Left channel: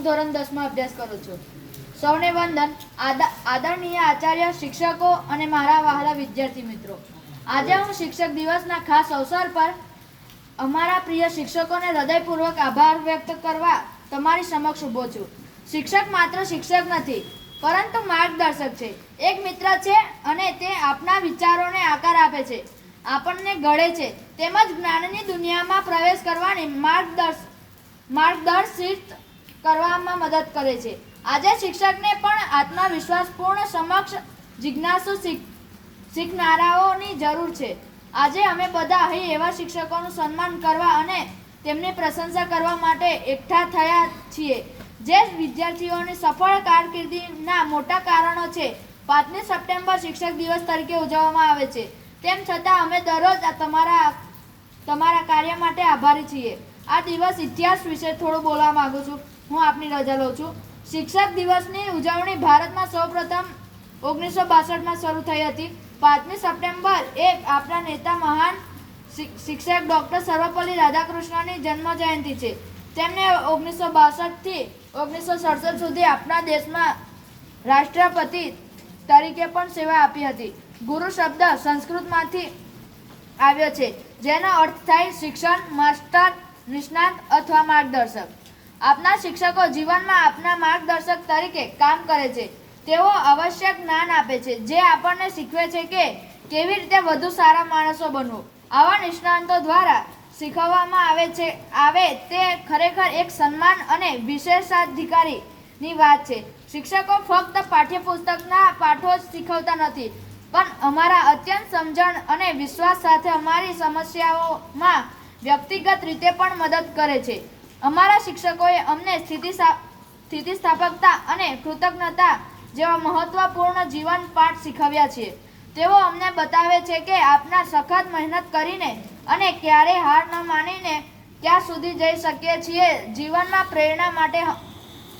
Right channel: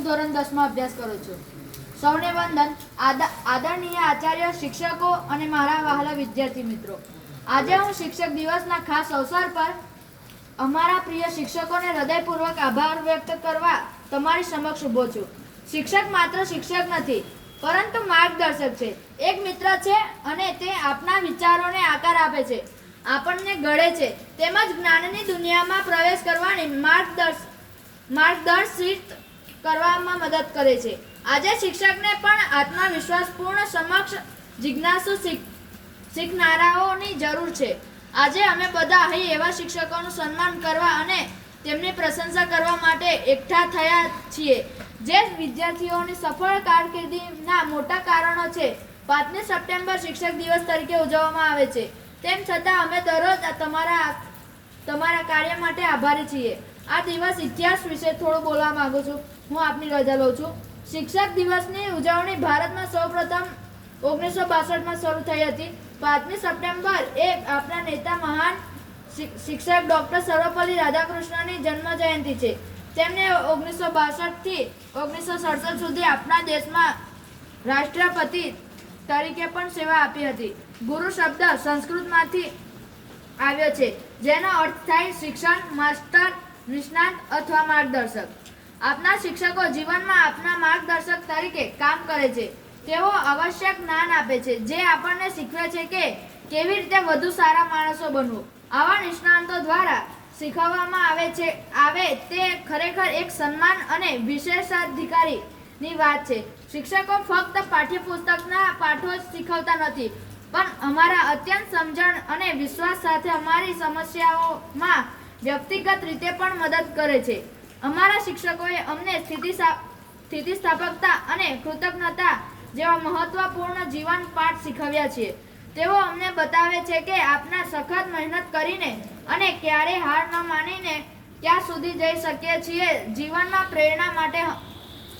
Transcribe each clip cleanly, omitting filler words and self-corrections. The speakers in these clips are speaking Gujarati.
હું ધોરણ 10માં અભ્યાસ કરું છું. સૌને વંદન. આદરણીય આચાર્ય, શિક્ષકો અને મારા વહાલા વિદ્યાર્થી મિત્રો, આજે હું શિક્ષક દિવસના ખાસ અવસર પર અમારા પ્રિય શિક્ષકોને હૃદયપૂર્વક આભાર વ્યક્ત કરવા તમારી સમક્ષ ઊભો છું. શિક્ષક માત્ર શિક્ષક નથી, પરંતુ માર્ગદર્શક છે, એક મિત્ર છે અને તે આપણા વિચારોને આકાર આપે છે, આપણને ઘડે છે, તેમજ જ્ઞાનની દુનિયામાં પ્રવેશ કરવાની માર્ગદર્શિત કરવામાં મદદ કરે છે. આજે શિક્ષકને પણ આત્મવિશ્વાસપૂર્ણ, સમક્ષ, જિજ્ઞાસુ શીખનારાઓની જરૂર છે. આજે અમે બધા અહીં એવા શિક્ષકોનું સન્માન કરવા અને તેમની પ્રશંસા કરવા માટે એકઠા થયા છીએ જે વિદ્યાર્થીઓની સફળ કારકિર્દીના મોટા કારણો છે. 5મી સપ્ટેમ્બર શિક્ષક દિવસ તરીકે ઉજવવામાં આવે છે, તેમ છતાં અમે દરરોજ તમારા કાર્ય માટે આભારી છીએ. આ દિવસ ઇતિહાસ વિશે થોડું બોલવા માંગુ છું. હું આપની રજા લઉં છું. શિક્ષક દિવસની ઉજવણી ભારતમાં સૌપ્રથમ 1962માં શરૂ થઈ હતી. 5મી સપ્ટેમ્બર એ આપણા નેતા, મહાન શિક્ષક ડૉક્ટર સર્વપલ્લી રાધાકૃષ્ણનની જન્મ જયંતિ છે. તેમને 1962 થી 1967 સુધી આપણા દેશમાં રાષ્ટ્રપતિ તરીકે પણ સેવા આપી હતી. ગુરુ શબ્દ સંસ્કૃતમાંથી આવ્યો છે, જેનો અર્થ થાય શિક્ષણ, માસ્ટર, નિષ્ણાત અથવા માર્ગદર્શક. આપના શિક્ષકો જીવનમાં આપના માર્ગદર્શક તરીકે કામ કરે છે. તેઓ આવશ્યક જ્ઞાન આપે છે, જે આપણને શીખવે છે કે કેવી રીતે વધુ સારા માણસો બનવું. આવા નિષ્ણાતો દ્વારા શીખવવામાં આવે તે ખરેખર એક સન્માન અને વિશેષાધિકારીની વાત છે. શિક્ષકો ફક્ત પાઠ્યપુસ્તકના પાઠો જ શીખવતા નથી, પણ અમારા અત્યંત સમજણ અને વિશ્વાસ સાથે અમારી સમસ્યાઓમાં વ્યક્તિગત રીતે પણ મદદ કરે છે. અમારા શિક્ષકોએ અમને સ્થિતિસ્થાપકતા અને કૃતજ્ઞતા જેવા મહત્વપૂર્ણ જીવન પાઠ શીખવ્યા છે. તેઓ અમને બતાવે છે કે આપના સખત મહેનત કરીને અને ક્યારેય હાર ન માનીને ક્યાં સુધી જઈ શકીએ છીએ. જીવનમાં પ્રેરણા માટે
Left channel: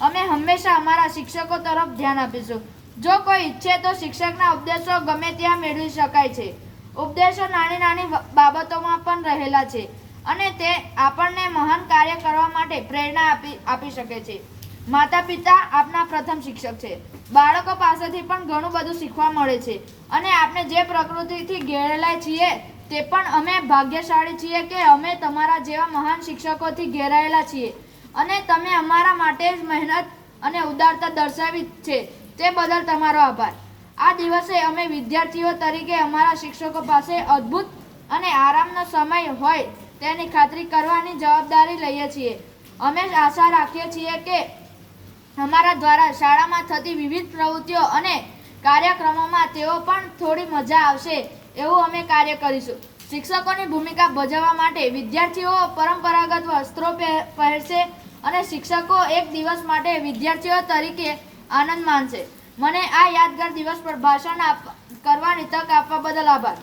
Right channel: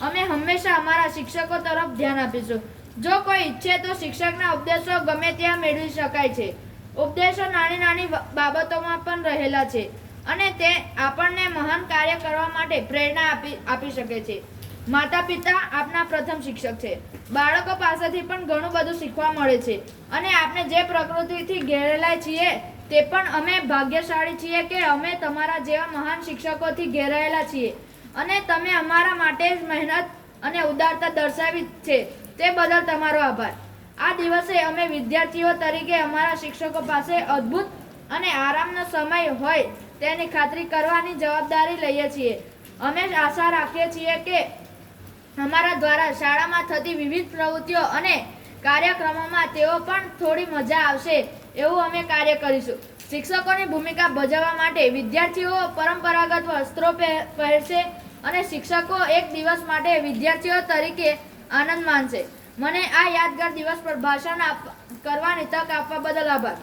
અમે હંમેશા અમારા શિક્ષકો તરફ ધ્યાન આપીશું. જો કોઈ ઈચ્છે તો શિક્ષકના ઉપદેશો ગમે ત્યાં મેળવી શકાય છે. ઉપદેશો નાની નાની બાબતોમાં પણ રહેલા છે અને તે આપણને મહાન કાર્ય કરવા માટે પ્રેરણા આપી શકે છે. માતા પિતા આપના પ્રથમ શિક્ષક છે. બાળકો પાસેથી પણ ઘણું બધું શીખવા મળે છે અને આપણે જે પ્રકૃતિથી ઘેરાયેલા છીએ તે પણ અમે ભાગ્યશાળી છીએ કે અમે તમારા જેવા મહાન શિક્ષકોથી ઘેરાયેલા છીએ અને તમે અમારા માટે જ મહેનત અને ઉદારતા દર્શાવી છે. તે બદલ તમારો આભાર. આ દિવસે અમે વિદ્યાર્થીઓ તરીકે અમારા શિક્ષકો પાસે અદ્ભુત અને આરામનો સમય હોય તેની ખાતરી કરવાની જવાબદારી લઈએ છીએ. અમે આશા રાખીએ છીએ કે અમારા દ્વારા શાળામાં થતી વિવિધ પ્રવૃત્તિઓ અને કાર્યક્રમોમાં તેઓ પણ થોડી મજા આવશે એવું અમે કાર્ય કરીશું. શિક્ષકોની ભૂમિકા ભજવવા માટે વિદ્યાર્થીઓ પરંપરાગત વસ્ત્રો પહેરશે અને શિક્ષકો એક દિવસ માટે વિદ્યાર્થીઓ તરીકે આનંદ માનશે. મને આ યાદગાર દિવસ પર ભાષણ કરવાની તક આપવા બદલ આભાર.